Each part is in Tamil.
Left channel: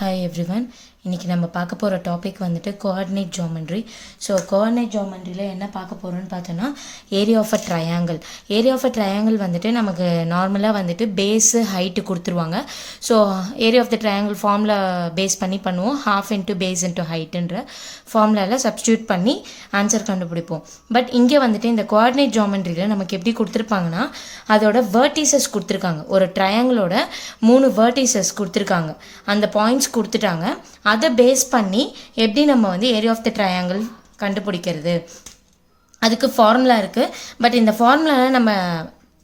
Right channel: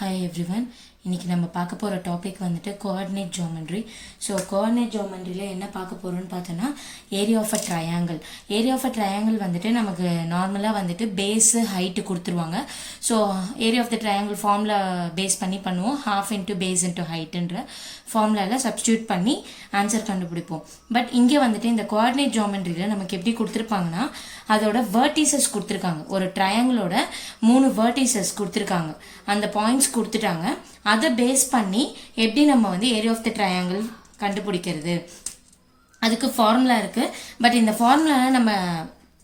Hi everyone. இன்னைக்கு நம்ம பார்க்க போற டாபிக் வந்துட்டு கோஆர்டினேட் ஜியோமெட்ரி. ஸோ கோஆர்டினேட் ஜியோமெட்ரியில் என்ன பார்க்க போறோம்னு பார்த்தோன்னா area of a triangle. Area of a triangle வந்துட்டு நமக்கு நார்மலாக வந்துட்டு பேஸு ஹைட்டு கொடுத்துருவாங்க. So area of the triangle formula base பண்ணி பண்ணுவோம். ஹாஃப் இன்ட்டு பேஸ் இன்ட்டு ஹைட்டுன்ற ஃபார்முலாவில் சப்ஸ்டியூட் பண்ணி ஆன்சர் கண்டுபிடிப்போம். பட் இங்கே வந்துட்டு இந்த கோஆர்டினேட் ஜியோமெட்ரியில் நமக்கு எப்படி கொடுத்துருப்பாங்கன்னா அதோட வேர்டிசஸ் கொடுத்துருக்காங்க. ஒரு ட்ரையாங்கிளோட 3 வேர்டிசஸ் கொடுத்துருக்காங்க. அந்த பாயிண்ட்ஸ் கொடுத்துட்டாங்க. அதை பேஸ் பண்ணி எப்படி நம்ம வந்து ஏரியா ஆஃப் த ட்ரையாங்கிள் கண்டுபிடிக்கிறது, அதுக்கு ஃபார்முலா இருக்குது. பட் இந்த ஃபார்முலாவில் நம்ம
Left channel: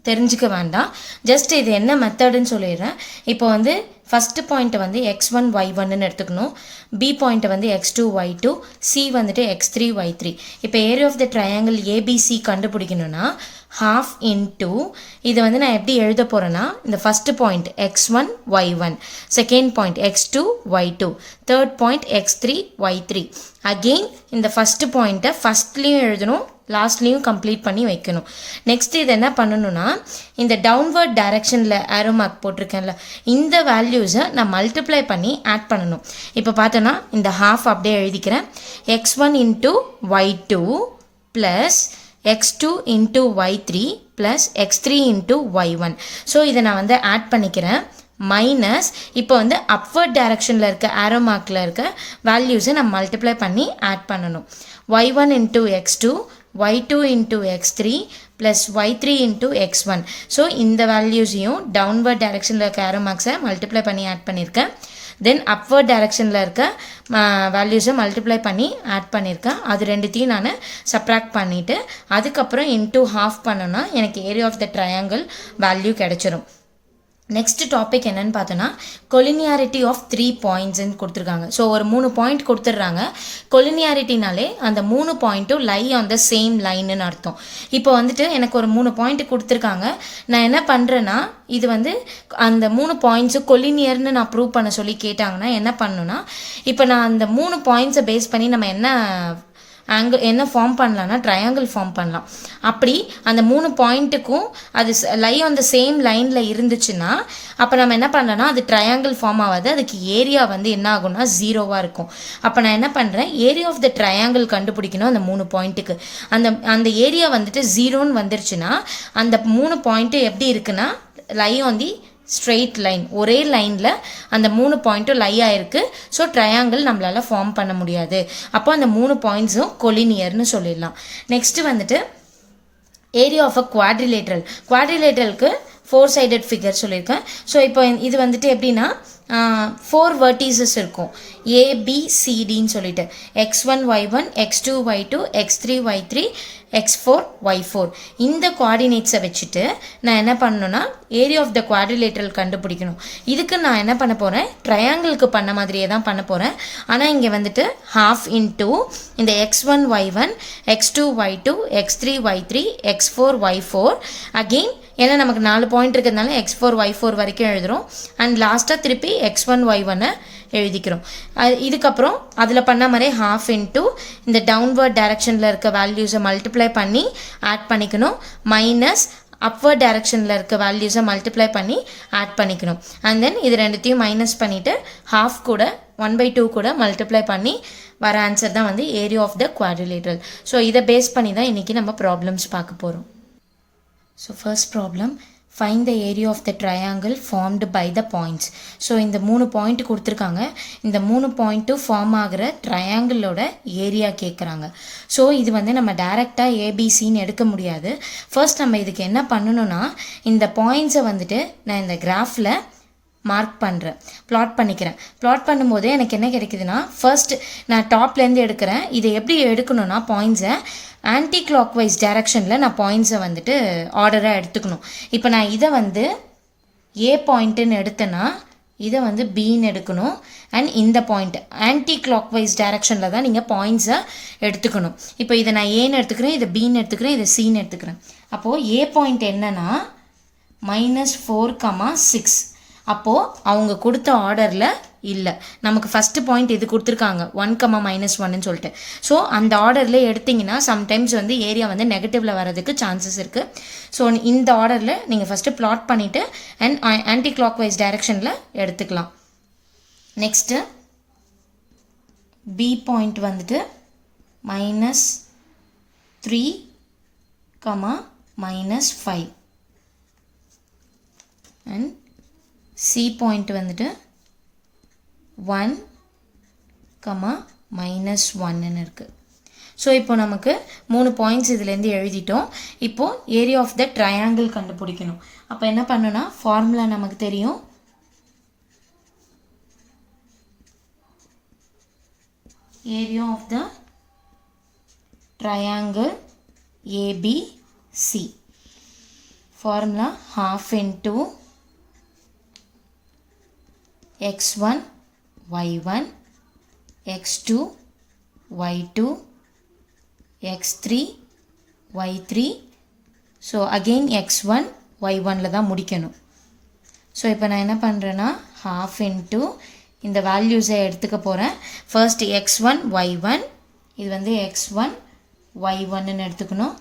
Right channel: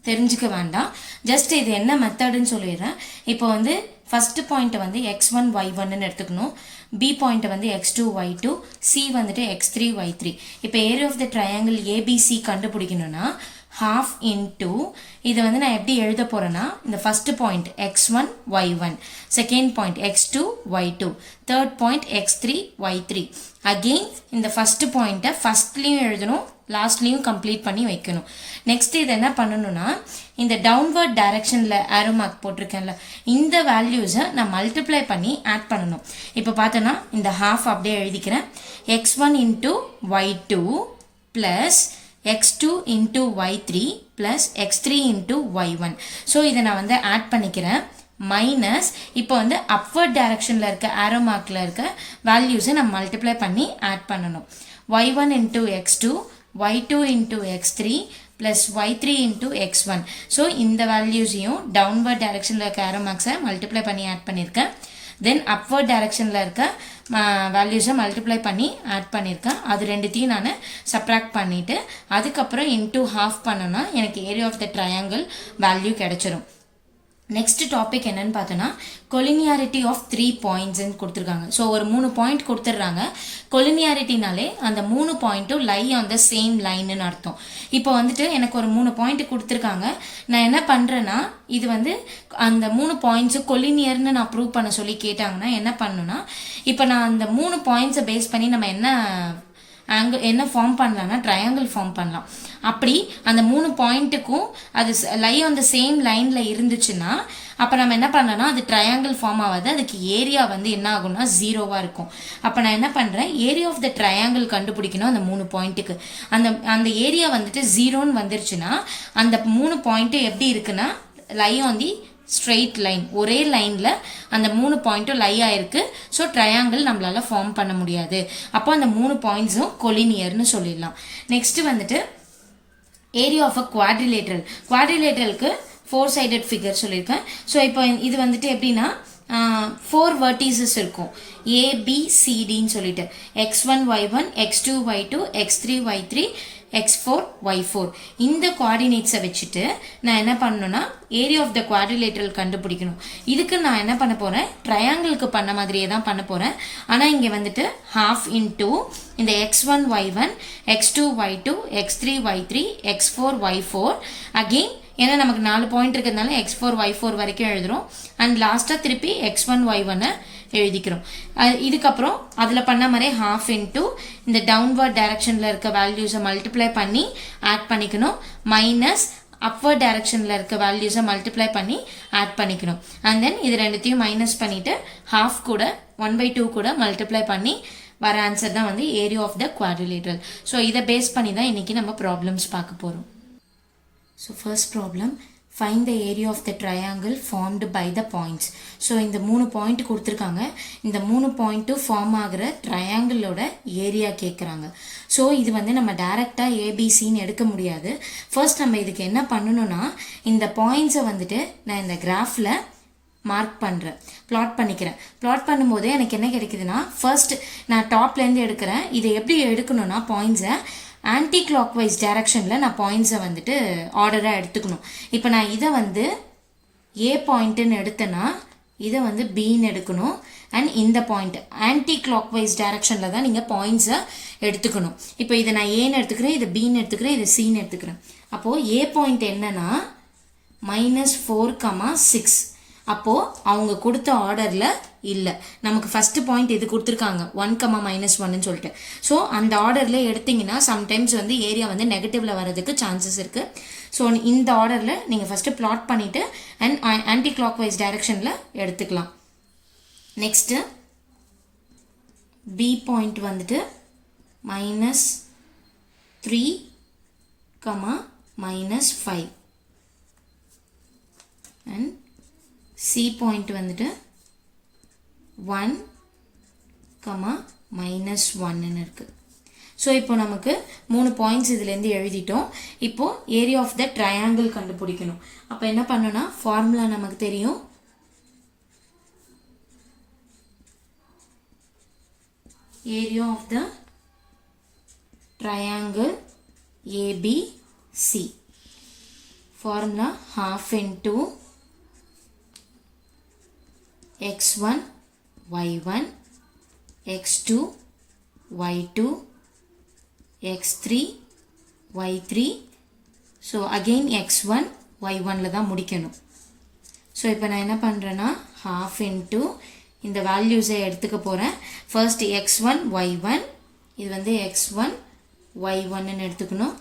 தெரிஞ்சுக்க வேண்டாம். ஜஸ்ட் இது என்ன மெத்தடுன்னு சொல்லிடுறேன். இப்போ வந்து ஃபஸ்ட்டு பாயிண்ட்டை வந்து x1 y1ன்னு எடுத்துக்கணும். பி பாயிண்ட்டை வந்து x2 y2, சி வந்துட்டு x3 y3. இப்போ area of the triangle ABC கண்டுபிடிக்கணும்னா half into இது வந்து நான் எப்படி எழுத போறேன்னா இந்த first point x1 y1, second point x2 y2, third point x3 y3. Again இந்த ஃபர்ஸ்ட் பாயிண்ட்டை ஃபர்ஸ்ட்லேயும் எழுதணும், லாஸ்ட்லேயும் கம்ப்ளீட் பண்ணி வைக்கணும். நெக்ஸ்ட் இது என்ன பண்ணணும்னா இந்த டவுன்வர்ட் டைரக்ஷனில் ஆரோ மார்க் போட்டிருக்கேன்ல, இந்த வேல்யூஸை நான் மல்டிப்ளை பண்ணி ஆட் பண்ணணும். இப்போ பார்த்தோன்னா இந்த ஹாஃப் அப்படியே எழுதிக்கிறேன். x1 into y2 plus x2 into y3 plus x3 into y1. So இதை நான் வந்து ஆட் பண்ணிக்கிறேன். மைனஸ் இப்போ வந்து அப்வர்ட் டைரக்ஷனில் இருக்க ஆரோ மார்க்கில் இருக்க வேல்யூஸை நம்ம மல்டிப்ளை பண்ணி ஆட் பண்ணணும். y1 into x2, y2 into x3 plus y3 into x1. So இந்த வேல்யூஸையும் டவுன்வர்ட் டைரக்ஷனில் இருக்க ஆரோ மார்க்ஸை மல்டிப்ளை பண்ணி ஆட் பண்ணியிருக்கேன். தென் அப்வர்ட் டைரக்ஷனில் இருக்க வேல்யூஸை மல்டிப்ளை பண்ணி ஆட் பண்ணியிருக்கேன். அது ரெண்டுத்தையும் நான் சப்ராக்ட் பண்ணிவிட்டு அதுக்கப்புறம் இன்டூ ஹாஃப் பண்ணோன்னா எனக்கு area of the triangle value கிடைச்சிரும். நெக்ஸ்ட் டாபிக் என்னன்னு பார்த்தோன்னா கொலினியாரிட்டி ஆஃப் 3 பாயிண்ட்ஸ்ன்னு கொடுத்துருக்காங்க. ஸோ ஒரு 3 பாயிண்ட் கொடுத்துட்றாங்க. கொலினியாரிட்டினாலே அந்த 3 பாயிண்ட்டும் லை ஆன் த சேம் லைன்னு அர்த்தம். இப்போ வந்துட்டு எனக்கு ஒரு 3 பாயிண்ட் கொடுத்துருக்காங்க. நான் என்ன பண்ணுறேன்னா இது வந்து அந்த 3 பாயிண்ட்ஸு கொலினியர்னு நான் ப்ரூவ் பண்ண சொல்லி கேட்டாங்கன்னா என்ன பண்ணணும்னா இப்போ நான் அந்த 3 பாயிண்ட்ஸை பேஸ் பண்ணி நம்ம என்ன ஃபார்ம் பண்ணலாம்னா ட்ரையாங்கிள் ஃபார்ம் பண்ணலாம். அப்படி அந்த 3 பாயிண்ட்டுக்கும் அது லை ஆன் த சேம் லைனில் இருந்துச்சுன்னா அப்போ நம்ம என்ன பண்ணலாம்னா அது ட்ரையாங்கிள் ஃபார்ம் ஆகாது. அதுக்கு ஏரியா வந்து என்ன ஆகும்னா 0வாக இருக்கும். அப்போ நான் என்ன பண்ணுறேன், ஏரியா ஆஃப் த ட்ரையாங்கிள் கண்டுபிடிக்கணும். அந்த 3 பாயிண்ட்டுக்கு அந்த ஏரியா வந்துட்டு 0ன்னு வந்துருச்சுன்னா அந்த 3 பாயிண்ட்டு எப்படி இருக்குன்னா lie on the straight line, ஒரே லைனில் அந்த 3 பாயிண்ட்டும் லை ஆயிருக்கு. ஸோ ட்ரையாங்கிள் நம்மளால ஃபார்ம் பண்ண முடியாது. அப்போ அந்த 3 பாயிண்ட்ஸும் கொலினியர்னு சொல்லிடலாம். நெக்ஸ்ட் வந்துட்டு ஏரியா ஆஃப் அ குவாட்ரிலேட்டரலுக்கு 4 sided ஃபிகர் சொல்லியிருக்கேன். ஸோ இப்போ இது வந்துட்டு எப்படின்னா 4 vertices இருக்கும், ABCDன்னு சொல்லிட்டு x1 y1, x2 y2, x3 y3, x4 y4. இந்த கோஆர்டினேட்ஸை வச்சுட்டு நான் என்ன பண்ணணும்னா ஏரியா ஆஃப் த குவாட்ரிலேட்டரல் கண்டுபிடிக்கணும். இதுக்கு நான் என்ன பண்ண போகிறேன், ட்ரையாங்கிளுக்கு பண்ண மாதிரியே தான் பண்ண போகிறேன். ஆனால் இங்கே வந்துட்டு ஹாஃப் இன்டூ இந்த x1 y1, x2 y2, x3 y3, x4 y4. Again ஏன்னா நமக்கு 4 பாயிண்ட் இருக்கிறதுனால x4 y4 வரைக்கும் எழுதுகிறோம். அண்ட் லாஸ்ட்டாக திருப்பி x1 y1 எழுதிக்கிறோம். இதுக்கப்புறம் அதில் பண்ண மாதிரி ஹாஃப் இன்டூ இந்த டவுன்வர்ட் டைரக்ஷனில் இருக்க வேல்யூஸை மல்டிப்ளை பண்ணி ஆட் பண்ணிக்கணும். மைனஸ் அப்வர்ட் டைரக்ஷனில் இருக்க வேல்யூஸை மல்டிப்ளை பண்ணி ஆட் பண்ணிக்கணும். அண்ட் தென் இது ரெண்டுத்தையும் மைனஸ் பண்ணிவிட்டு ஹாஃப் கூட 1/2 கூட மல்டிப்ளை பண்ணி வர ஆன்சர் தான் வந்து area of the quadrilateral. So இதை பேஸ் பண்ணி தான் இன்றைக்கி நம்ம ப்ராப்ளம்ஸ் பார்க்க போகிறோம். So first problem, find the area of the triangle formed by the points. So இந்த 3 பாயிண்ட் கொடுத்துருக்காங்க. இந்த 3 பாயிண்ட்டும் ஃபார்ம் ஆகிற ட்ரையாங்கிளோட ஏரியா கேட்குறாங்க. ஸோ இது வந்து நம்ம டைரெக்டாக ஏபிசின்னு எடுக்க முடியாது. ஃபர்ஸ்ட் நம்ம இதுக்கு என்ன பண்ணணும்னா இந்த பாயிண்ட்ஸை வந்துட்டு நான் இந்த கிராஃபில் மார்க் பண்ணுறேன், பிளாட் பண்ணிக்கிறேன். பிளாட் பண்ணும்போது எனக்கு என்ன கிடைக்குதுன்னா ஃபர்ஸ்ட் நான் டாப்லேருந்து எடுக்கிறேன். இதை எப்படி எடுக்கணும்னா பாயிண்ட்ஸை ஆன்டி கிளாக் வைஸ் டைரக்ஷனில் நான் பாயிண்ட்ஸை வந்துட்டு ஆர்டராக எடுத்துக்கணும். இப்போ நான் இதை வந்து ஏ பாயிண்ட்டுன்னு எடுத்தேன்னா இதை வந்து பின்னு எடுக்கணும். அண்ட் இந்த பாயிண்ட் ஆன்டி கிளாக் வைஸ் டைரக்ஷனில் தான் நீங்கள் பாயிண்ட்ஸை எடுத்துக்கணும். இப்போ இதை நான் ஏன்னு எடுத்துக்கிறேன், இதை பின்னு எடுத்துக்கிறேன், இதை சின்னு எடுத்துக்கிறேன். அப்போது ஏ பாயிண்ட் என்னன்னா -4,6. அப்போது அவங்க கொடுத்த ஆர்டரில் இல்லை, நமக்கு ஃபஸ்ட்டு பாயிண்ட் இது கொடுத்துருக்காங்க 1,-1ன்னு சொல்லிட்டு. ஸோ அந்த ஆர்டரில் எடுத்திங்கன்னா சம்டைம்ஸ் வந்து ஏரியா வந்து நெகட்டிவில் வரதுக்கு சான்சஸ் இருக்குது. ஸோ இந்த ஆர்டரில் நீங்கள் ஃபஸ்ட்டு பிளாட் பண்ணிவிட்டு அண்ட் ஆன்டி கிளாக் வைஸ் டைரக்ஷனில் எடுத்துக்கலாம். நெக்ஸ்ட்டு பி பாயிண்ட் வந்துட்டு -3, -5 அண்ட் சி பாயிண்ட் வந்துட்டு 1, -1 இருக்கு. ஸோ இப்போ நமக்கு 3 பாயிண்ட்ஸ் இதுலேருந்து எழுதிட்டோம். இப்போ ஏரியா ஆஃப் த ட்ரையாங்கிள் கண்டுபிடிக்கணும். அப்போ என்ன பண்ணணும்னா ஃபார்முலா நமக்கு தெரியும். Area of the triangle ABC. Formula half into x1 y1 x2 y2 x3 y3. So again x1 y1 ல தான் முடிக்கணும். ஸோ இப்போ நான் என்ன பண்ணுறேன்னா half into இந்த வேல்யூஸை எடுத்துக்க போகிறேன். ஃபர்ஸ்ட் x1 y1, இது வந்து x1 y1 எடுத்துக்கணும்,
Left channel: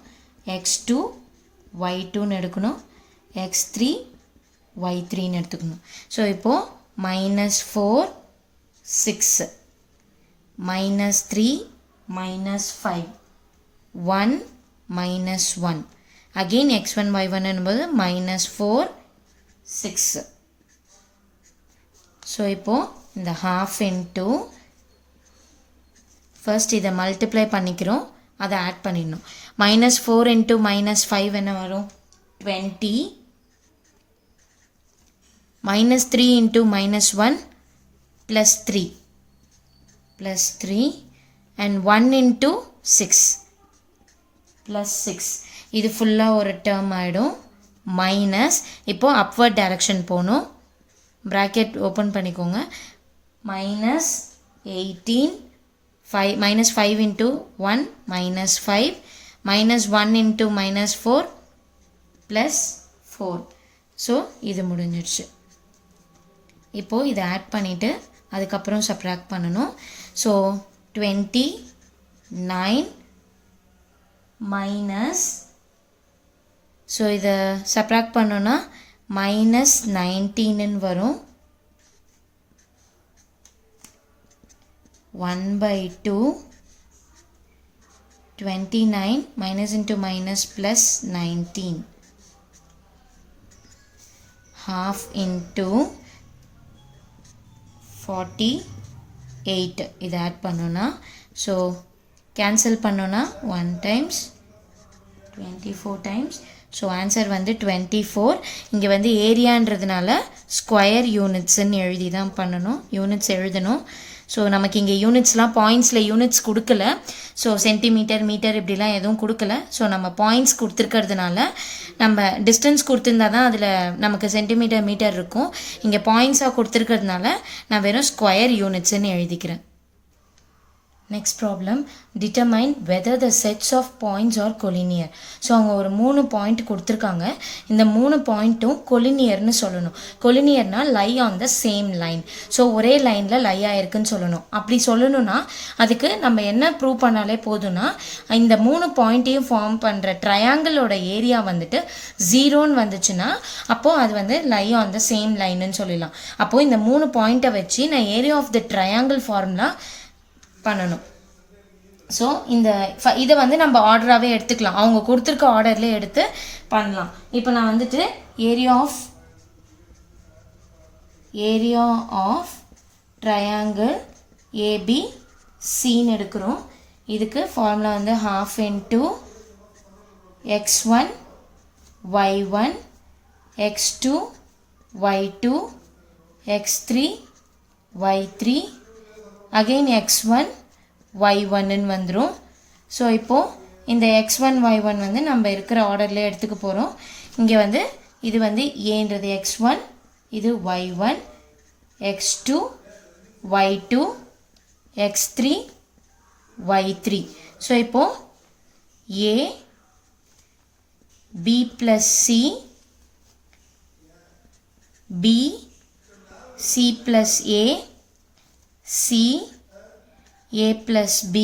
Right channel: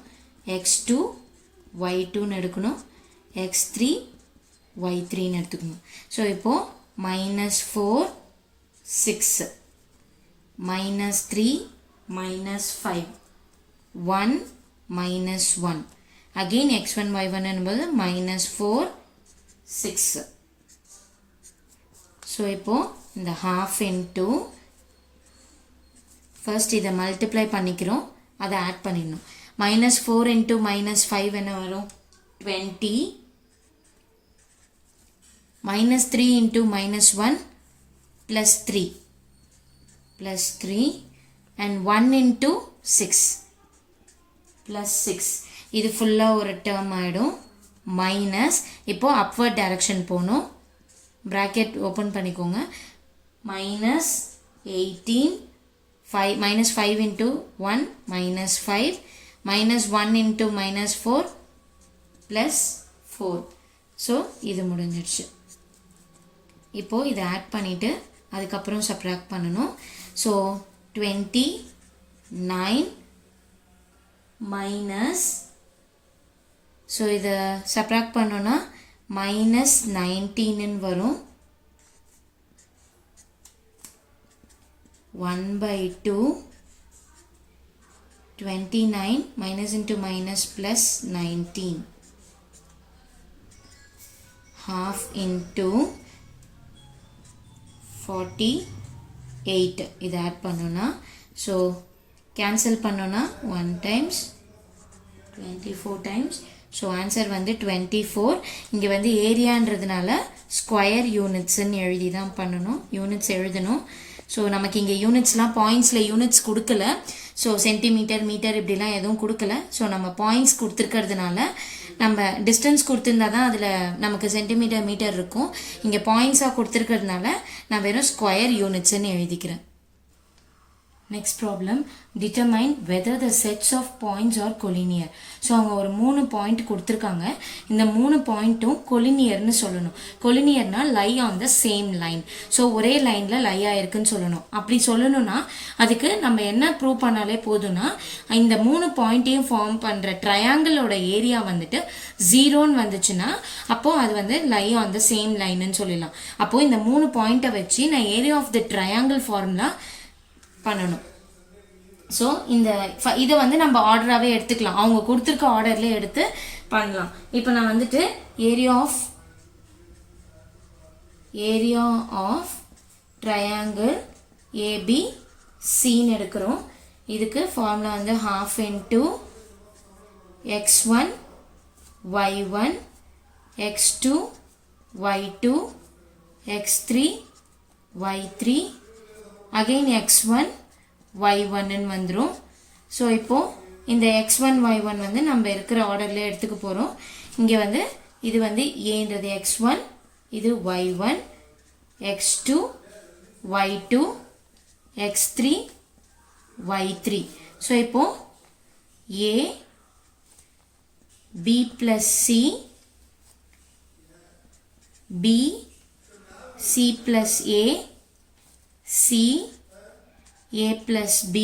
x2 y2 எடுக்கணும், x3 y3 எடுத்துக்கணும். ஸோ இப்போது -4 6 -3 -5 1 -1 again x1 y1 என்பது -4 6. ஸோ இப்போது இந்த half into ஃபர்ஸ்ட் இதை மல்டிப்ளை பண்ணிக்கிறோம், அதை ஆட் பண்ணிடணும். -4 into -5 என்ன வரும் 20, -3 into -1 +3 and 1 into 6 +6. இது ஃபுல்லாக ஒரு டேர்ம் ஆகிடும். மைனஸ் இப்போ அப்வர்ட் டைரக்ஷன் போகணும். ப்ராக்கெட் ஓப்பன் பண்ணிக்கோங்க. -18 -5 into 1 -5 -1 into -4 +4. ஸோ இது முடிஞ்சிடுச்சு. இப்போது இதை ஆட் பண்ணிவிட்டு அதுக்கப்புறம் சப்ராக்ட் பண்ணணும். ஸோ 29 மைனஸ், ஸோ இதை சப்ராக்ட் பண்ணோன்னா -19 வரும். 1/2 29 minus into minus plus 19 half into 48. இது ஆட் பண்ணோன்னா ஸோ கேன்சல் பண்ணோன்னா 1 times 24 times. ஸோ ஆன்சர் வந்து 24. இங்கே வந்து ஏரியான்றதுனால ஸ்கொயர் யூனிட்ஸ்ன்னு எழுதி தான் பண்ணணும், யூனிட்ஸ் எழுதணும். ஸோ நமக்கு இங்கே யூனிட்ஸ்லாம் பாயிண்ட்ஸில் யூனிட்ஸ் கொடுக்கல. ஸோ சென்டிமீட்டர் மீட்டர் இப்படிலாம் எதுவும் கொடுக்கல. ஸோ நம்ம பாயிண்ட்ஸ் கொடுத்துருக்கிறதுனால நம்ம டிஸ்டன்ஸ் கொடுத்துருந்தா தான் அதில் நமக்கு சென்டிமீட்டர் மீட்டர் இருக்கும். இங்கே பாயிண்ட்ஸாக கொடுத்துருக்கிறதுனால நான் வெறும் ஸ்கொயர் யூனிட்ஸ்ன்னு எழுதிக்கிறேன். Next problem, determine whether the sets of points are collinear. So அவங்க ஒரு 3 பாயிண்ட் கொடுத்துருக்காங்க. இந்த 3 பாயிண்ட்டும் கொலினியர்னு சொல்லணும். கொலினியர்னா lie on the same line. So ஒரே லைனில் லை ஆயிருக்குன்னு சொல்லணும். அப்படி சொல்லணும்னா அதுக்கு நம்ம என்ன ப்ரூவ் பண்ணாலே போதும்னா இந்த 3 பாயிண்ட்டையும் ஃபார்ம் பண்ணுற ட்ரையாங்கிளோட ஏரியா வந்துட்டு 0ன்னு வந்துச்சுன்னா அப்போது அது வந்து லை ஆன் த சேம் லைன்னு சொல்லலாம். அப்போது இந்த 3 பாயிண்ட்டை வச்சு நான் area of the triangle formula பண்ணணும். ஸோ இதை வந்து நம்ம ஆர்டராகவே எடுத்துக்கலாம், அவங்க கொடுத்துருக்க ஆர்டர்லேயே எடுத்து பண்ணலாம். இப்போ நான் வந்துட்டு ஏரியா ஆஃப் ட்ரையாங்கிள் ஏபிசின்னு எடுக்கிறோம். இதுக்கு ஃபார்முலா வந்து half into x1 y1 x2 y2 x3 y3 again x1 y1 வந்துடும். ஸோ இப்போது இந்த x1 y1 வந்து நம்ம இருக்கிற ஆர்டரில் எடுத்துக்க போகிறோம். இங்கே வந்து இது வந்து ஏன்றது x1, இது y1 x2 y2 x3 y3. So இப்போது a b plus c b c plus a c a plus b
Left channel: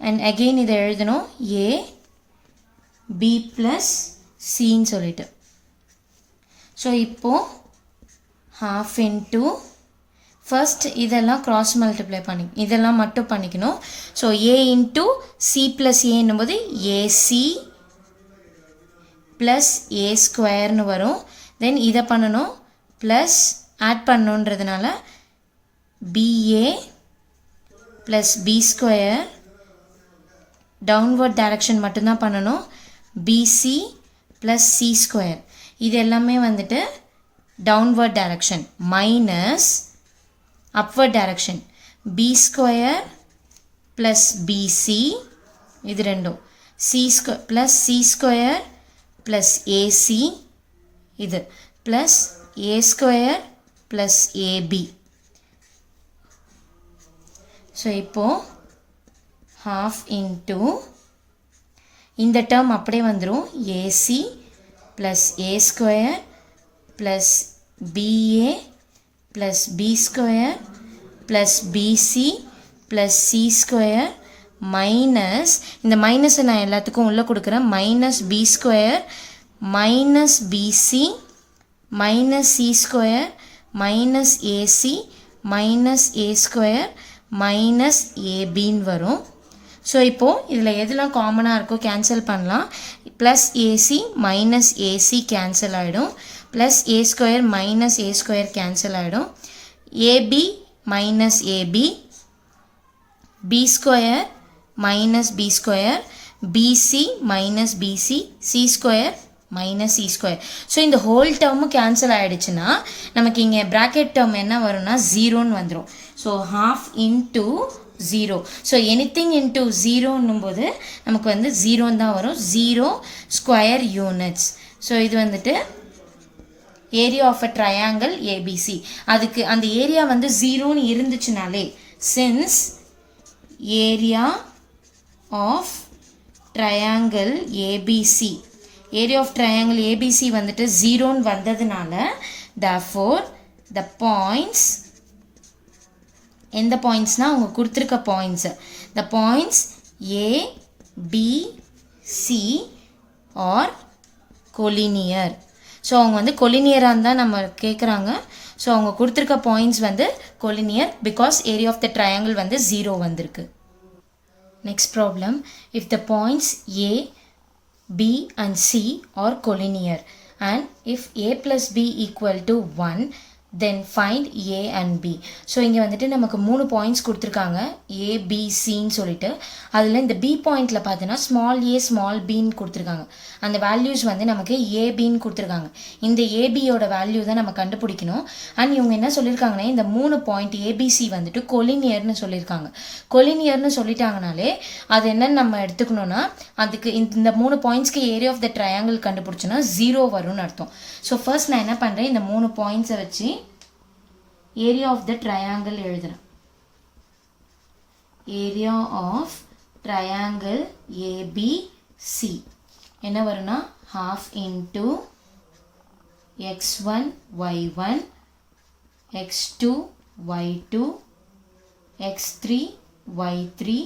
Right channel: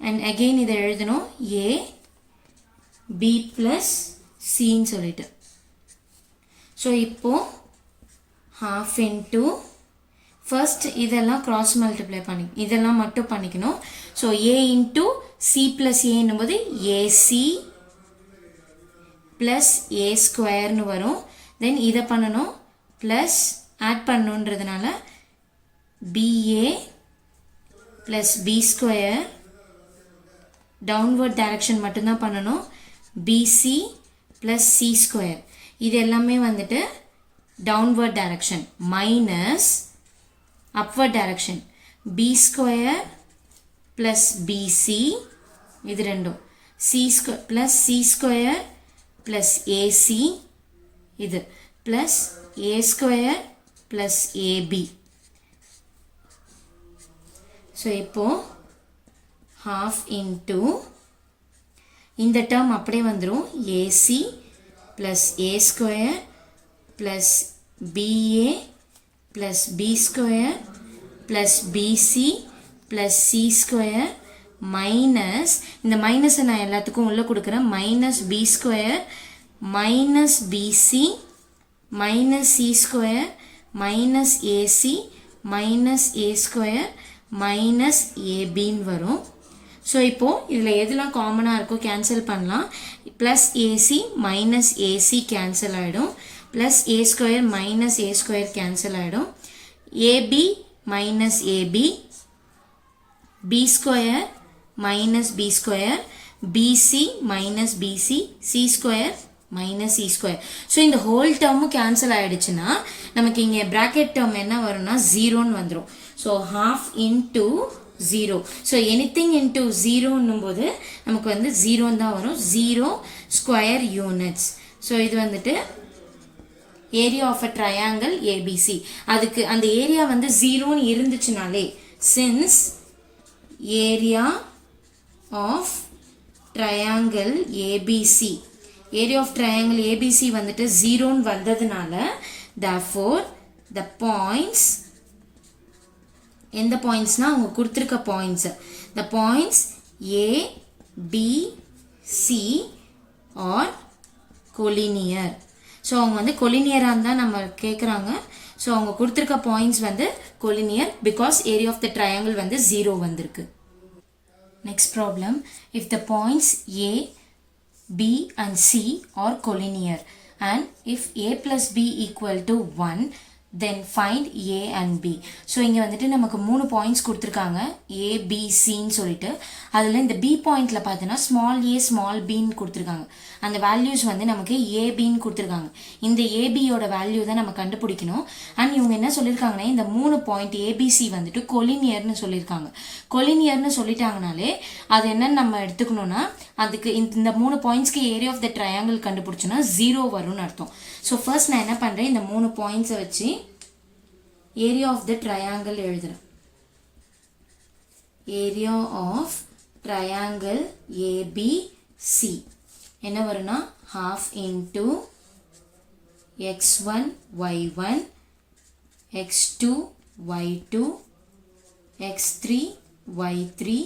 and again இதை எழுதணும் a b plus cன்னு சொல்லிட்டு. ஸோ இப்போ half into ஃபர்ஸ்ட் இதெல்லாம் கிராஸ் மல்டிப்ளை பண்ணி இதெல்லாம் மட்டும் பண்ணிக்கணும். So A into C plus ஏன்னும் போது ஏசி ப்ளஸ் ஏ ஸ்கொயர்னு வரும். தென் இதை பண்ணணும் ப்ளஸ் ஆட் பண்ணணுன்றதுனால BA plus B square, downward direction மட்டும்தான் பண்ணணும், பிசி ப்ளஸ் சி ஸ்கொயர். இது எல்லாமே வந்துட்டு downward direction minus upward direction b square plus bc இது ரெண்டும் c square plus c square plus ac இது plus a square plus ab. so இப்போ half into இந்த term அப்படியே வந்துரும் ac plus a square plus ba plus b square plus bc plus c square minus இந்த மைனஸ் நான் எல்லாத்துக்கும் உள்ள கொடுக்கிறேன் minus b square minus bc minus c square minus ac minus a square minus ab வரும். ஸோ இப்போ இதில் எதெல்லாம் காமனாக இருக்கோ கேன்சல் பண்ணலாம். Plus AC minus AC cancel ஆகிடும், plus A square minus A square cancel ஆகிடும், AB minus AB, B square minus B square, BC minus BC, C square minus C square. So இந்த ஹோல் டேர்மும் கேன்சல் ஆகிடுச்சுன்னா நமக்கு இங்கே ப்ராக்கெட் டேர்ம் என்ன வரும்னா ஜீரோன்னு வந்துடும். So half into zero. So anything into ஜீரோன்னும் போது நமக்கு வந்து ஜீரோன்னு தான் வரும், ஜீரோ ஸ்கொயர் யூனிட்ஸ். ஸோ இது வந்துட்டு area of a triangle ABC. அதுக்கு அந்த ஏரியா வந்து ஜீரோன்னு இருந்துச்சுனாலே since area of triangle ABC, area of triangle ABC வந்துட்டு ஜீரோன்னு வந்ததுனால therefore the points, எந்த பாயிண்ட்ஸ்னா அவங்க கொடுத்துருக்க points, the points A, B, C are collinear. So அவங்க வந்து கொலினியராக இருந்தால் நம்ம கேட்குறாங்க. ஸோ அவங்க கொடுத்துருக்க பாயிண்ட்ஸ் வந்து collinear because area of the triangle வந்து ஜீரோ வந்திருக்கு. Next problem, if the points A, B and C are collinear and if A plus B equal to 1 then find A and B. So இங்கே வந்துட்டு நமக்கு 3 பாயிண்ட்ஸ் கொடுத்துருக்காங்க A, B, Cன்னு சொல்லிட்டு. அதில் இந்த B பாயிண்டில் பார்த்தோன்னா ஸ்மால் ஏ ஸ்மால் பின்னு கொடுத்துருக்காங்க. அந்த வேல்யூஸ் வந்து நமக்கு ஏபின்னு கொடுத்துருக்காங்க. இந்த ஏபியோட வேல்யூ தான் நம்ம கண்டுபிடிக்கணும். அண்ட் இவங்க என்ன சொல்லியிருக்காங்கன்னா இந்த 3 பாயிண்ட் ஏபிசி வந்துட்டு கொலினியர்னு சொல்லியிருக்காங்க. கொலினியர்னு சொல்லிட்டாங்கனாலே அது என்னன்னு நம்ம எடுத்துக்கணும்னா அதுக்கு இந்த 3 பாயிண்ட்ஸ்க்கு ஏரியா ஆஃப் த ட்ரையாங்கிள் கண்டுபிடிச்சோன்னா ஜீரோ வரும்னு அர்த்தம். ஸோ ஃபர்ஸ்ட் நான் என்ன பண்ணுறேன், இந்த 3 பாயிண்ட்ஸை வச்சு ஏரியா ஆஃப் த ட்ரையாங்கிள் எழுதுறேன். ஏரியா ஆஃப் ட்ரையாங்கிள் ஏபிசி என்ன வரும்னா half into x1 y1 x2 y2 x3 y3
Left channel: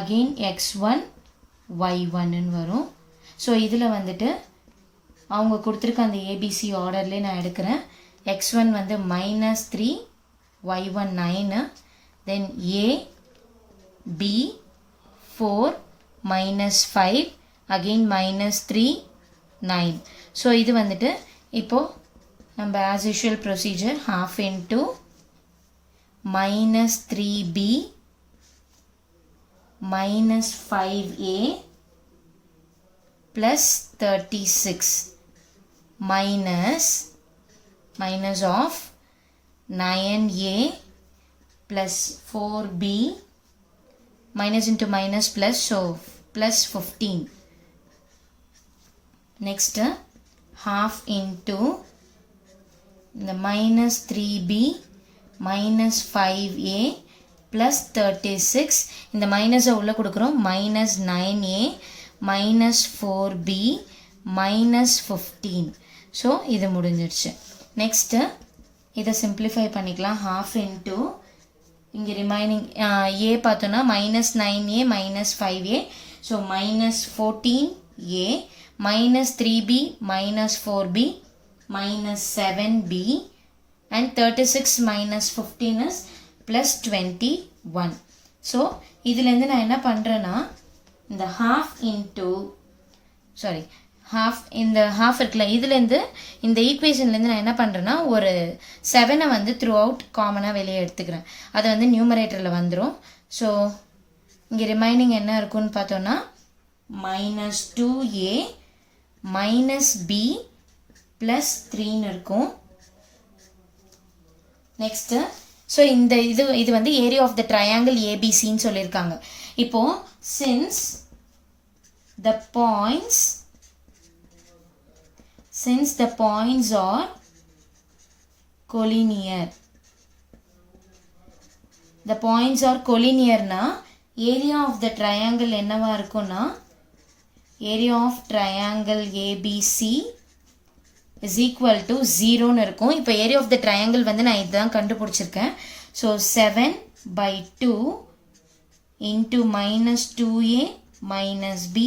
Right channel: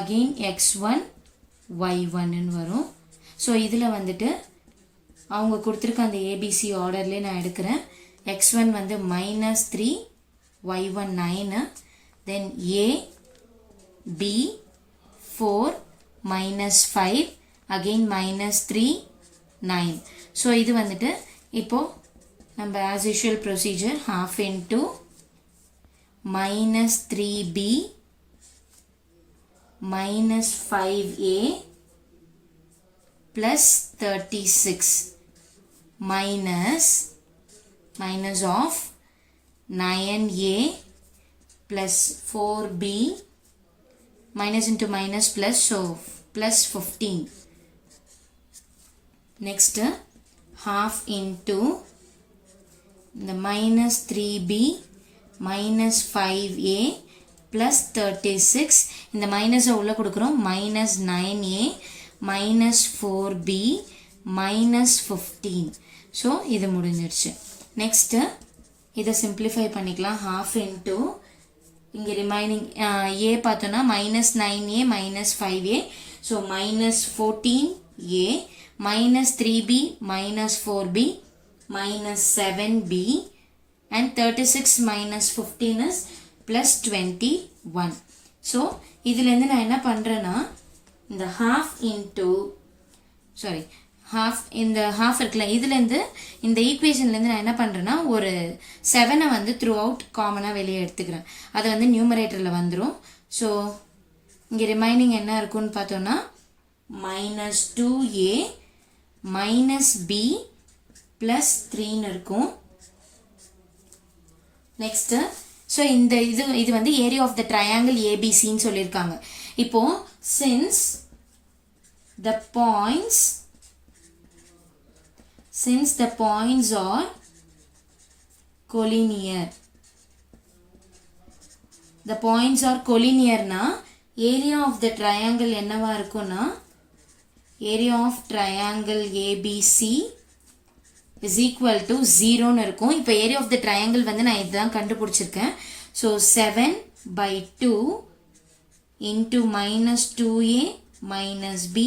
again x1 y1 வரும். ஸோ இதில் வந்துட்டு அவங்க கொடுத்துருக்க அந்த ஏபிசி ஆர்டர்லேயே நான் எடுக்கிறேன். x1 வந்து -3 y1 9 then a b 4 -5 again -3 9. So இது வந்துட்டு இப்போ நம்ம as usual procedure half into -3b -5a plus 36 minus of 9a plus 4b minus into minus plus, so plus 15. Next half into the -3b -5a plus 36. இந்த மைனஸை உள்ள கொடுக்குறோம் -9a -4b -15. ஸோ இது முடிஞ்சிருச்சு. நெக்ஸ்ட்டு இதை சிம்பிளிஃபை பண்ணிக்கலாம். half into இங்கே ரிமைனிங் a பார்த்தோன்னா -9a -5a, so -14a -3b -4b -7b and 36 minus 15 is plus 21. So இதிலிருந்து நான் என்ன பண்றேன்னா இந்த half into half இந்த half இருக்குல்ல இதிலிருந்து இந்த ஈக்குவேஷன்லேருந்து நான் என்ன பண்ணுறேன்னா ஒரு 7 வந்து த்ரூ அவுட் காமனாக வெளியே எடுத்துக்கிறேன். அது வந்து நியூமரேட்டரில் வந்துடும். ஸோ இங்கே ரிமைனிங் என்ன இருக்குன்னு பார்த்தோன்னா minus 2a minus b plus 3 இருக்கும். நெக்ஸ்ட்டு ஸோ இந்த இது வந்து ஏரியா ஆஃப் த ட்ரையாங்கிள் ஏபிசின்னு சொல்லியிருக்காங்க. இப்போ since the points are collinear, the points are collinear na area of the triangle என்னவா இருக்கும்னா area of triangle ABC is equal to 0 னு இருக்கும். இப்போ area of the triangle வந்து நான் இதுதான் கண்டுபிடிச்சிருக்கேன். So 7 by 2 into minus 2a minus b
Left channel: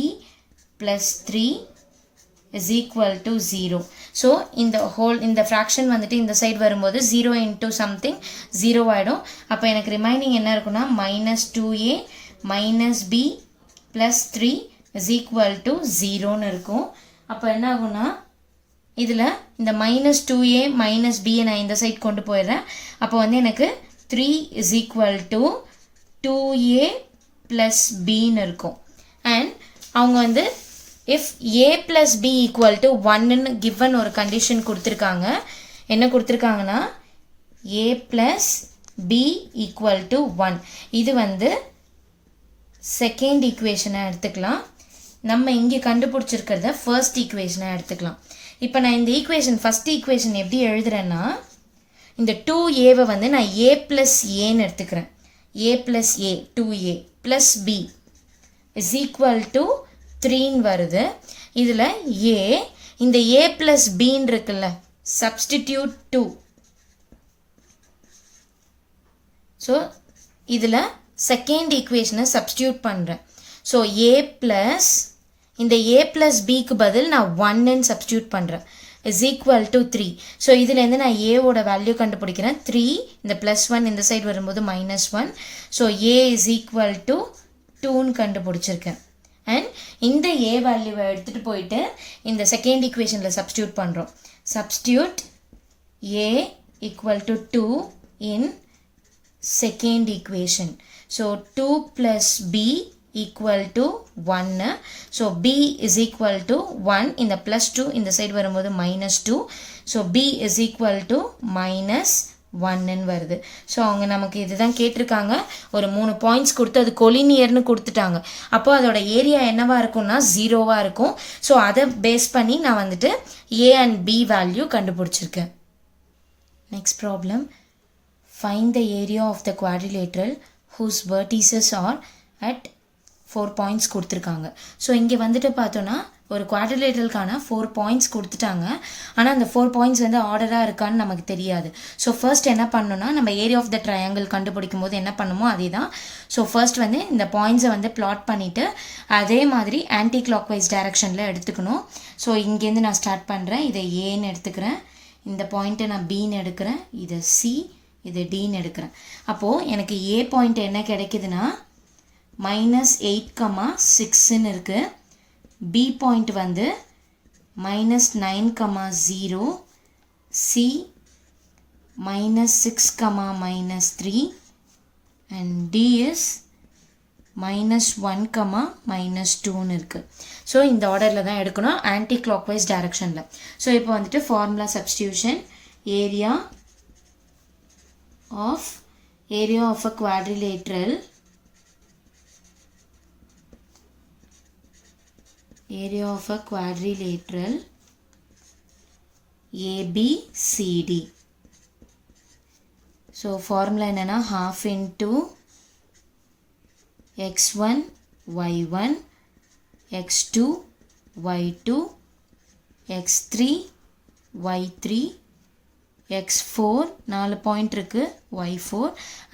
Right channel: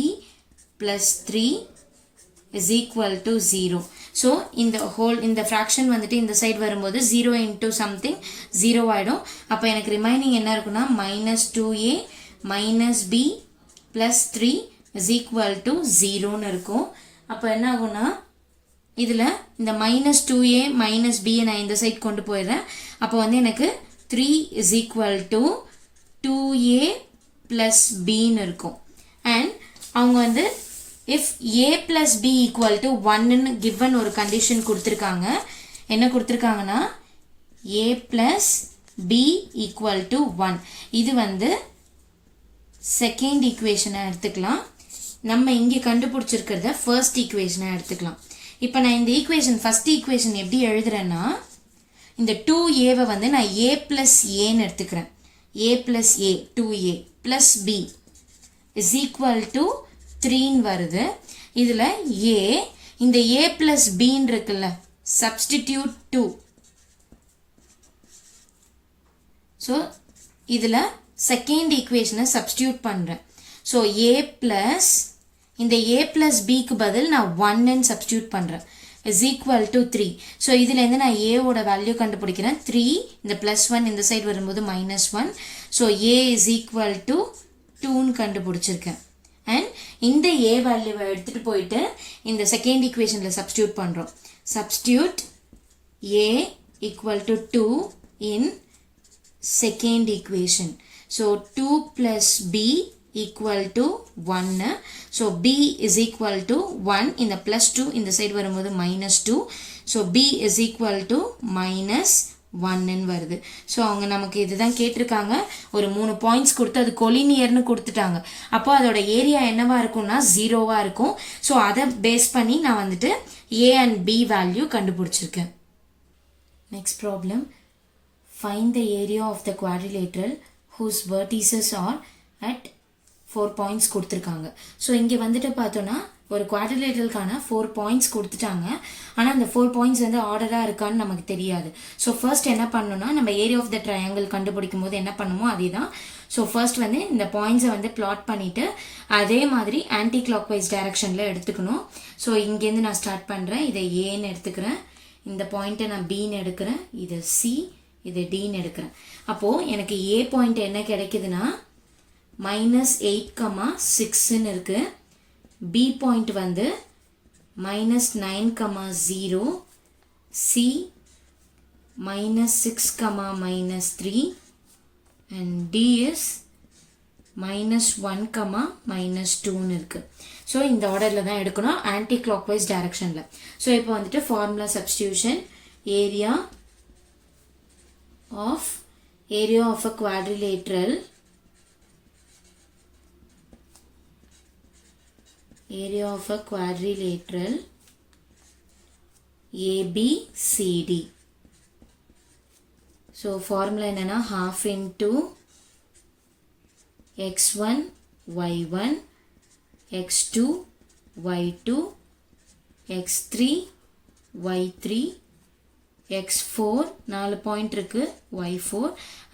plus 3 is equal to 0. So இந்த fraction வந்துட்டு இந்த சைடு வரும்போது 0 into something 0 ஆயிடும். அப்போ எனக்கு ரிமைனிங் என்ன இருக்குன்னா minus 2a minus b plus 3 is equal to 0 னு இருக்கும். அப்போ என்ன ஆகும்னா இதில் இந்த minus 2a minus b நான் இந்த சைடு கொண்டு போயிடுறேன். அப்போ வந்து எனக்கு 3 is equal to 2a plus b னு இருக்கும். அண்ட் அவங்க வந்து if a plus b equal to 1 னு given ஒரு கண்டிஷன் கொடுத்துருக்காங்க. என்ன கொடுத்துருக்காங்கன்னா a plus b equal to 1. இது வந்து செகண்ட் ஈக்குவேஷனை எடுத்துக்கலாம். நம்ம இங்கே கண்டுபிடிச்சிருக்கிறத ஃபர்ஸ்ட் ஈக்குவேஷனை எடுத்துக்கலாம். இப்போ நான் இந்த ஈக்குவேஷன் ஃபர்ஸ்ட் ஈக்குவேஷன் எப்படி எழுதுறேன்னா இந்த 2aவை வந்து நான் a plus aன்னு எடுத்துக்கிறேன். a plus a 2a plus b is equal to 3 வருது. இதில் a இந்த a plus bன்னு இருக்குல்ல substitute 2. ஸோ இதில் செகண்ட் ஈக்குவேஷனை சப்ஸ்டியூட் பண்ணுறேன். ஸோ a plus இந்த a plus bக்கு பதில் நான் 1ன்னு சப்ஸ்டியூட் பண்ணுறேன் is equal to 3. ஸோ இதுலேருந்து நான் ஏவோட வேல்யூ கண்டுபிடிக்கிறேன். 3 இந்த ப்ளஸ் 1 இந்த சைடு வரும்போது -1. So a is equal to 2ன்னு கண்டுபிடிச்சிருக்கேன். அண்ட் இந்த a வேல்யூவை எடுத்துகிட்டு போயிட்டு இந்த செகண்ட் ஈக்குவேஷனில் சப்ஸ்டியூட் பண்ணுறோம். Substitute a equal to 2 in second equation. So 2 plus b equal to 1. So b is equal to 1 in the plus 2 in the side வரும்போது -2. So b is equal to -1 ன்னு வருது. ஸோ அவங்க நமக்கு இதுதான் கேட்டிருக்காங்க. ஒரு 3 பாயிண்ட்ஸ் கொடுத்து அது கொலினியர்னு கொடுத்துட்டாங்க. அப்போ அதோட ஏரியா என்னவா இருக்கும்னா 0வா இருக்கும். ஸோ அதை பேஸ் பண்ணி நான் வந்துட்டு a and b வேல்யூ கண்டுபிடிச்சிருக்கேன். Next problem. Find the area of the quadrilateral whose vertices are at 4 points கொடுத்துருக்காங்க. ஸோ இங்கே வந்துட்டு பார்த்தோன்னா ஒரு குவாட்ரிலேட்டரலுக்கான 4 பாயிண்ட்ஸ் கொடுத்துட்டாங்க. ஆனால் அந்த 4 பாயிண்ட்ஸ் வந்து ஆர்டராக இருக்கான்னு நமக்கு தெரியாது. ஸோ ஃபர்ஸ்ட் என்ன பண்ணணும்னா நம்ம ஏரியா ஆஃப் த ட்ரையாங்கிள் கண்டுபிடிக்கும் போது என்ன பண்ணுமோ அதே தான். ஸோ ஃபர்ஸ்ட் வந்து இந்த பாயிண்ட்ஸை வந்து பிளாட் பண்ணிவிட்டு அதே மாதிரி ஆன்டி கிளாக் வைஸ் டைரக்ஷனில் எடுத்துக்கணும். ஸோ இங்கேருந்து நான் ஸ்டார்ட் பண்ணுறேன். இதை ஏன்னு எடுத்துக்கிறேன். இந்த பாயிண்ட்டை நான் பின்னு எடுக்கிறேன். இதை சி, இது டின்னு எடுக்கிறேன். அப்போது எனக்கு ஏ பாயிண்ட் என்ன கிடைக்குதுன்னா -8,6ன்னு இருக்குது. பி பாயிண்ட் வந்து -9,0, சி -6,-3 and D is -1,-2ன்னு இருக்குது. ஸோ இந்த ஆர்டரில் தான் எடுக்கணும் ஆன்டி கிளாக் வைஸ் டைரக்ஷனில். ஸோ இப்போ வந்துட்டு formula substitution. Area of a quadrilateral ABCD. So formula என்னன்னா half into x1 y1 x2 y2 x3 y3 x4 4 point இருக்கு y4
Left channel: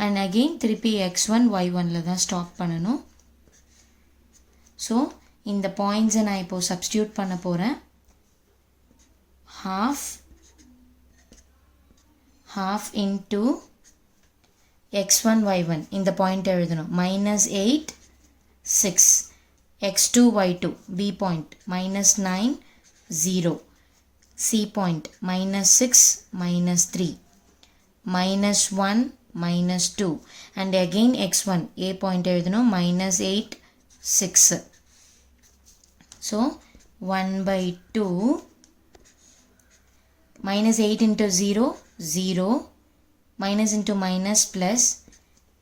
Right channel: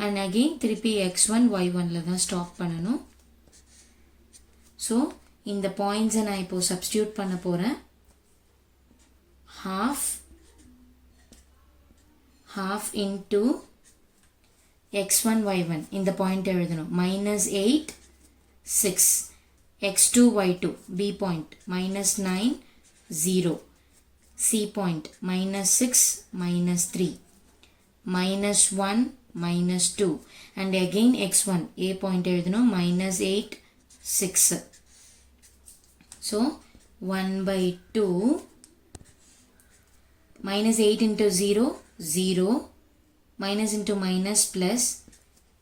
and again திருப்பி x1 y1ல தான் ஸ்டாப் பண்ணணும். ஸோ இந்த பாயிண்ட்ஸை நான் இப்போ சப்ஸ்டியூட் பண்ண போகிறேன். half into x1 y1 இந்த பாயிண்ட் எழுதணும் minus 8 6 x2 y2 b point minus 9 0 c point minus 6 minus 3 minus 1 minus 2 and again x1 a point எழுதணும் minus 8 6 so 1 by 2 minus 8 into 0 0 minus into minus plus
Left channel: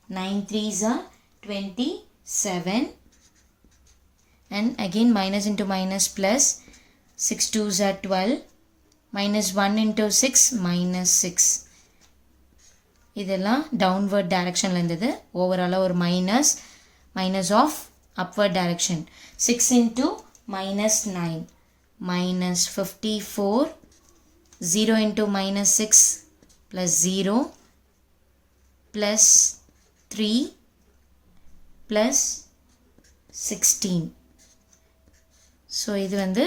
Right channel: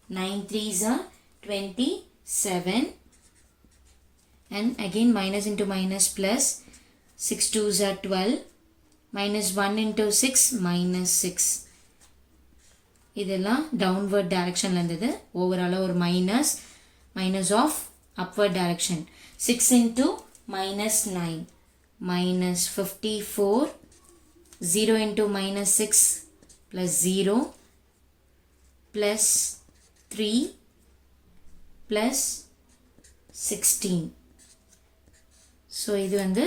9 3s are 27 and again minus into minus plus 6 2s are 12 minus 1 into 6 minus 6 இதெல்லாம் downward directionல இருந்தது overall ஒரு minus of upward direction 6 into minus 9 minus 54 0 into minus 6 plus 0 plus 3 plus 16 so இது வந்து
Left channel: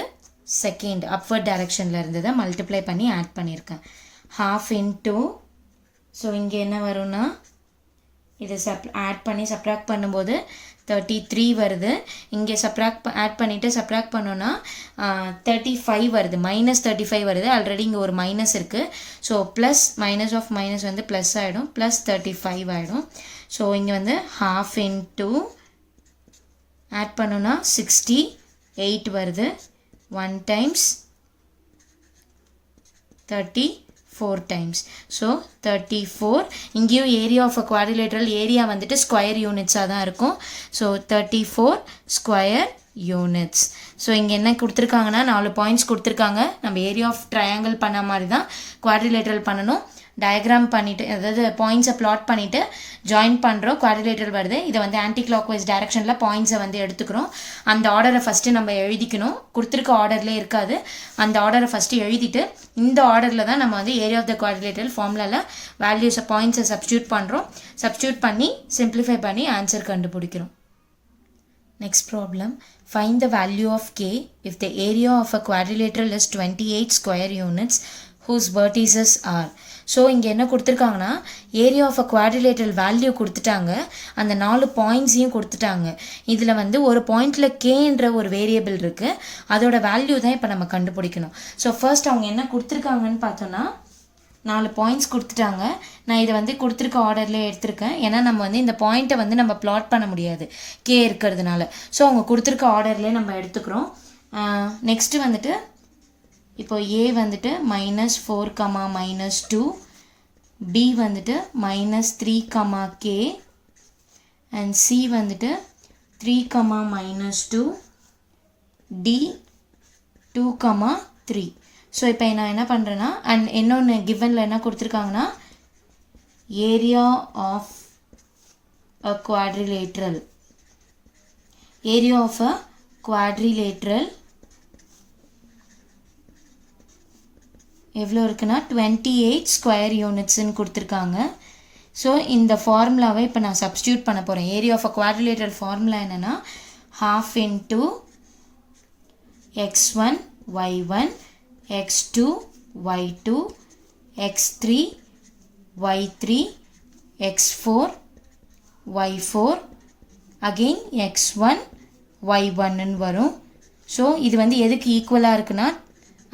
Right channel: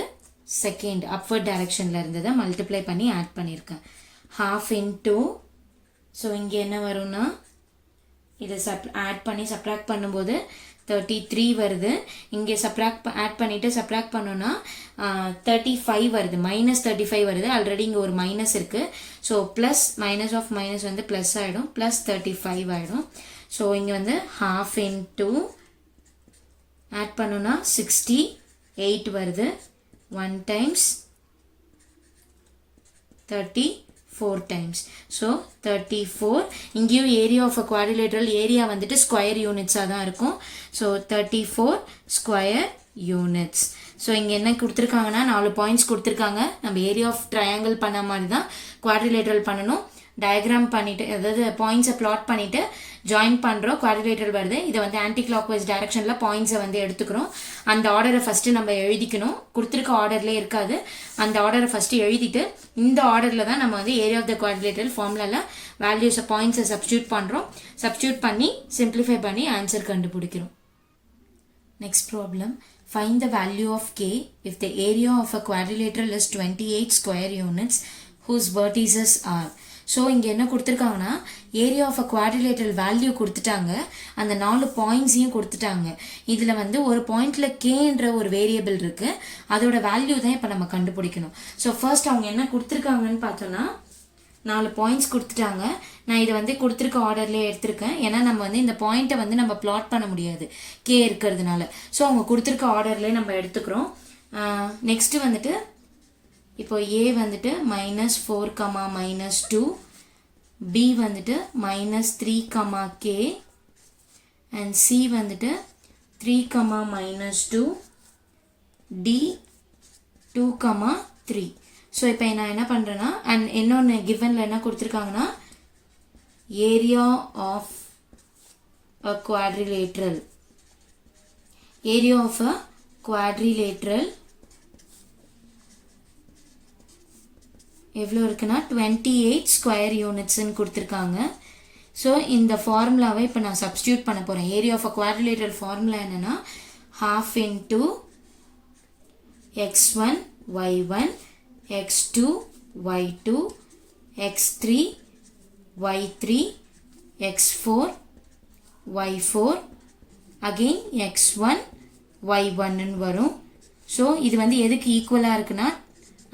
second upward directionல இருந்ததை multiply பண்ணி add பண்ணியிருக்கேன் half into so இங்கே என்ன வரும்னா இது add பண்ணி subtract பண்ணும்போது 33 வருது இங்கே add பண்ணிட்டு subtract பண்ணோம்னா 35 வருது minus 35 வருது ஆல்ரெடி இங்கே ஒரு மைனஸ் இருக்கு so plus minus of minus வந்து ப்ளஸ் ஆகிடும் ப்ளஸ் 35 ஆகிடும் ஸோ இங்கே வந்து half into add பண்ணோம்னா 68 வருது 1 times 34 times so 34 இங்கேயும் area of a quadrilateral area வந்துட்டு square units தான் இருக்கும் so 34 square units so இங்க என்ன கொடுத்திருக்காங்கன்னா 4 பாயிண்ட்ஸ் கொடுத்திருக்காங்க நம்ம area of triangle பண்ண மாதிரி தான் quadrilateral பண்ணனும் diagram பண்ணிட்டு அதாவது பாயிண்ட்ஸை plot பண்ணிட்டு join பண்றோம் quadrilateral வருது இத வந்து anti clockwise directionல பாயிண்ட்ஸை வந்து எடுத்துக்கிறோம் அந்த ஆர்டரை ஃபர்ஸ்ட் நம்ம எழுதிக்கணும் கொடுத்திருக்க ஆர்டர்ல இருக்காது அந்த ஆர்டரை ஃபர்ஸ்ட் எழுதிட்டு இந்த ஆர்டர்ல தான் நம்ம வந்து area of the quadrilateral ஃபார்முலால values பாயிண்ட்ஸை சப்ஸ்டிட்யூட் பண்றோம் சப்ஸ்டிட்யூட் பண்ணி simplify பண்ணி ஆன்சர் கண்டுபிடிக்கிறோம் next problem find the value of k if the area of a quadrilateral is 28 square units whose vertices are so இங்கே என்ன கொடுத்துருக்காங்கன்னா area of a quadrilateral value கொடுத்துட்டாங்க அந்த 4 பாயிண்ட்ஸையும் கொடுத்துட்டாங்க இதில் வந்து ஒரு பாயிண்டில் கேன்ற ஒரு வேரியபிள் இருக்குது அதோட வேல்யூ தான் இப்போ நம்ம கண்டுபிடிக்கணும் ஸோ ஃபர்ஸ்ட் அவங்க என்ன கொடுத்துருக்காங்கன்னு பார்த்தோன்னா 4 பாயிண்ட்ஸ் கொடுத்துட்டாங்க நான் இதை வந்து கொடுத்துருக்க ஆர்டர்லேயே எடுத்திருக்கேன் ஏன்னா நம்ம வந்து இந்த பாயிண்ட்டை வந்து நம்ம பிளாட் பண்ண முடியாது கே இருக்கிறதுனால ஸோ அவங்க கொடுத்துருக்க ஆர்டர்லேயே நம்ம எடுத்துக்கிறோம் நெக்ஸ்ட்டு வந்துட்டு இப்போ a வந்துட்டு -4, -2 b வந்துட்டு -3, k and c வந்துட்டு 3, -2 d 2, 3 ஸோ இப்போ நான் என்ன பண்ணுறேன்னா அண்ட் இன்னொன்று கிவனில் என்ன கொடுத்துருக்காங்கன்னா ஏரியா ஆஃப் அ குவாட்ரிலேட்ரல் எவ்வளோ இருக்குன்னா 28 ஸ்கொயர் யூனிட்ஸ்ன்னு கொடுத்துருக்காங்க ஸோ இந்த ஃபார்முலாவை இப்போ நான் சப்ஸ்டியூட் பண்ண போகிறேன் area of a quadrilateral formula என்னென்னா half into x1 y1 x2 y2 x3 y3 x4 y4 again x1 y1 ன்னு வரும் ஸோ இது வந்து எதுக்கு ஈக்குவலாக இருக்குன்னா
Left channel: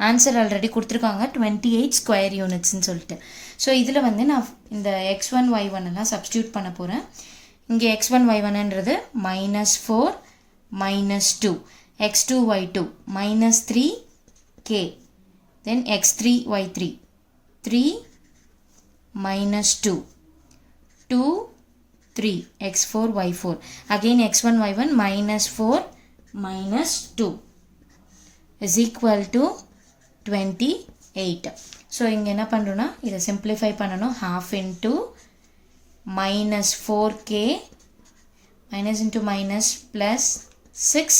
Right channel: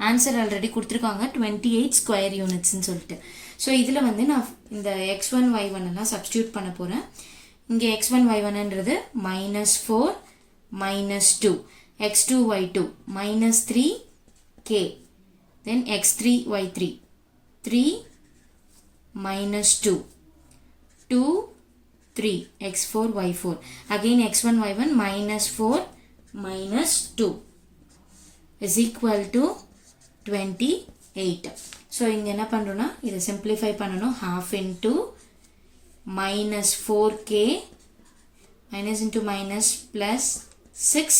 ஆன்சர் ஆல்ரெடி கொடுத்துருக்காங்க 28 ஸ்கொயர் யூனிட்ஸ்ன்னு சொல்லிட்டு ஸோ இதில் வந்து நான் இந்த x1 y1 எல்லாம் சப்ஸ்டியூட் பண்ண போகிறேன் இங்கே x1 y1ன்றது -4 -2 x2 y2 -3 k then x3 y3 3 -2 2 3 x4 y4 again x1 y1 -4 -2 is equal to 28 so இங்கே என்ன பண்ணுறோன்னா இதை சிம்பிளிஃபை பண்ணணும் half into -4k minus into minus plus 6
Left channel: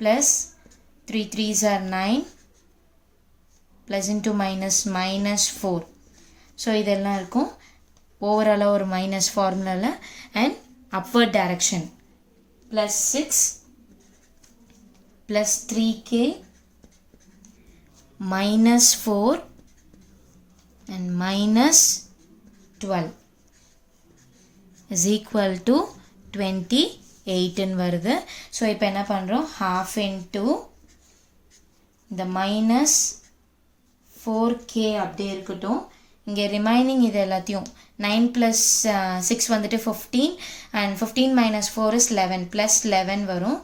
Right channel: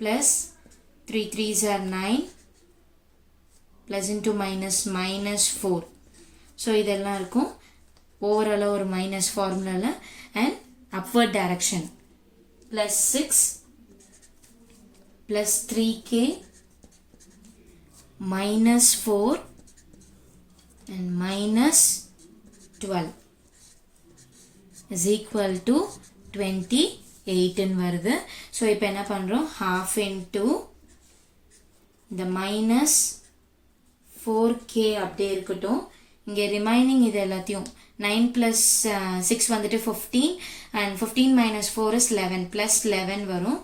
plus 3 3s are 9 plus into minus -4 so இதெல்லாம் இருக்கும் ஓவராலாக ஒரு மைனஸ் ஃபார்முலாவில் and upward direction plus 6 plus 3k minus 4 and minus 12 is equal to 28 ன்னு வருது. ஸோ இப்போ என்ன பண்ணுறோம், half into இந்த minus 4k அப்படியே இருக்கட்டும். இங்கே ரிமைனிங் இது எல்லாத்தையும் 9 plus 6 வந்துட்டு 15 and 15 minus 4 is 11 plus 11 வரும்.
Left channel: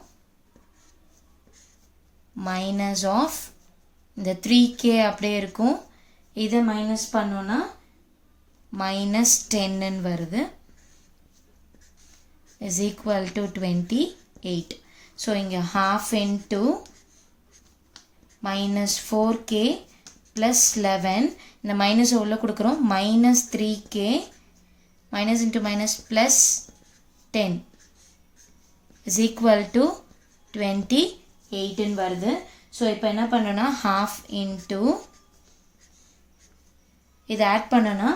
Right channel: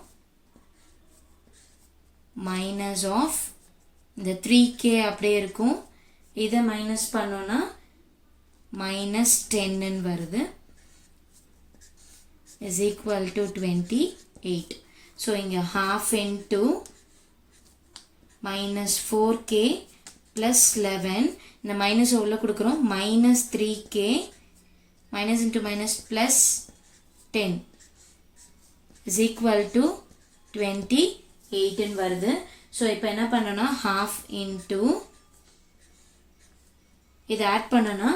minus of இந்த 3k அப்படியே இருக்கும். இதை மைனஸ் பண்ணோன்னா minus 10 ன்னு வருது is equal to 28. ஸோ இங்கே half into minus 4k plus 11 இந்த மைனஸ் உள்ள கொடுக்குறோம் minus 3k minus into minus plus 10 is equal to 28 ன்னு வருது. ஸோ இப்போ என்ன பண்ணோன்னா half into இதை ஆட் பண்ணோன்னா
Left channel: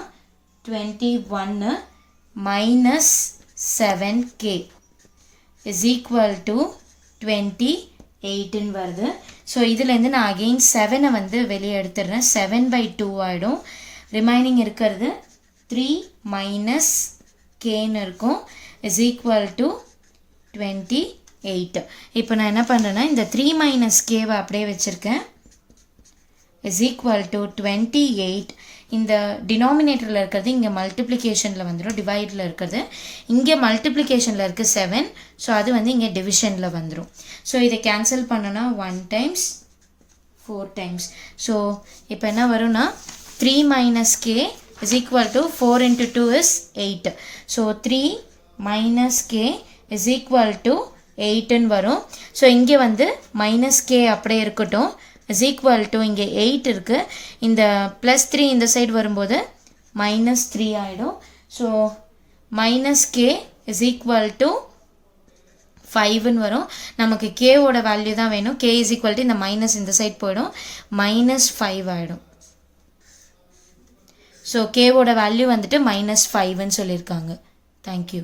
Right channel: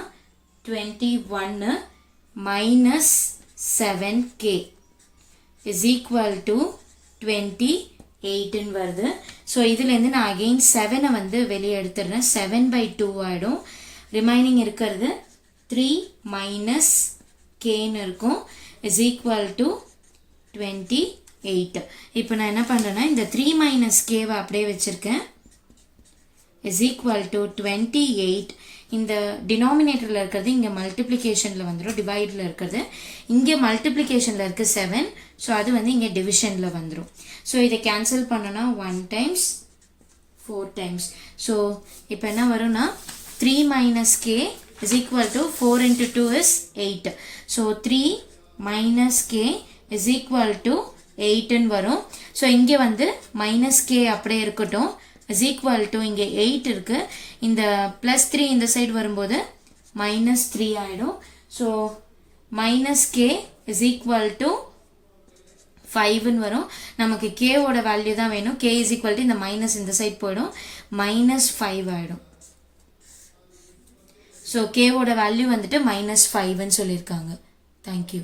21 minus 7k is equal to 28 ன்னு வருது. ஸோ இதுலேருந்து நான் அகெயின் 7 வந்து வெளியே எடுத்துடுறேன். 7/2 ஆகிடும். ரிமைனிங் இருக்கிறது 3 minus kன்னு இருக்கும் is equal to 28. இப்போ நான் என்ன பண்ணுறேன்னா இந்த 3 minus kவை அப்படியே வச்சுருக்கேன் is equal to 28. இந்த டினாமினேட்டரில் இருக்கிறது இங்கே மல்டிப்ளிகேஷனில் வந்துடும், டிவைடில் இருக்கிறது இங்கே மல்டிப்ளிகேஷனில் இருக்குது 7. ஸோ அது வந்து இங்கே டிவிஷனில் வந்துடும். ஸோ இதை கேன்சல் பண்ணோன்னா 1 times 4 times. ஸோ இப்போ என்ன வரும்னா 3 minus k is equal to 4 into 2 is 8. So 3 minus k is equal to 8 ன்னு வரும். ஸோ இங்கே வந்து minus k அப்படியே இருக்கட்டும் is equal to இங்கே 8 இருக்கு. இந்த plus 3 இந்த சைடு வரும்போது minus 3 ஆகிடும். So minus k is equal to 5 ன்னு வரும். நமக்கு k ஓட வேல்யூ தான் வேணும். k is equal to இந்த மைனஸ் இந்த சைடு போயிடும் minus 5 ஆகிடும். ஸோ k ஓட வேல்யூ வந்துட்டு minus 5 ன்னு சொல்லியிருக்காங்க. தேங்க்யூ.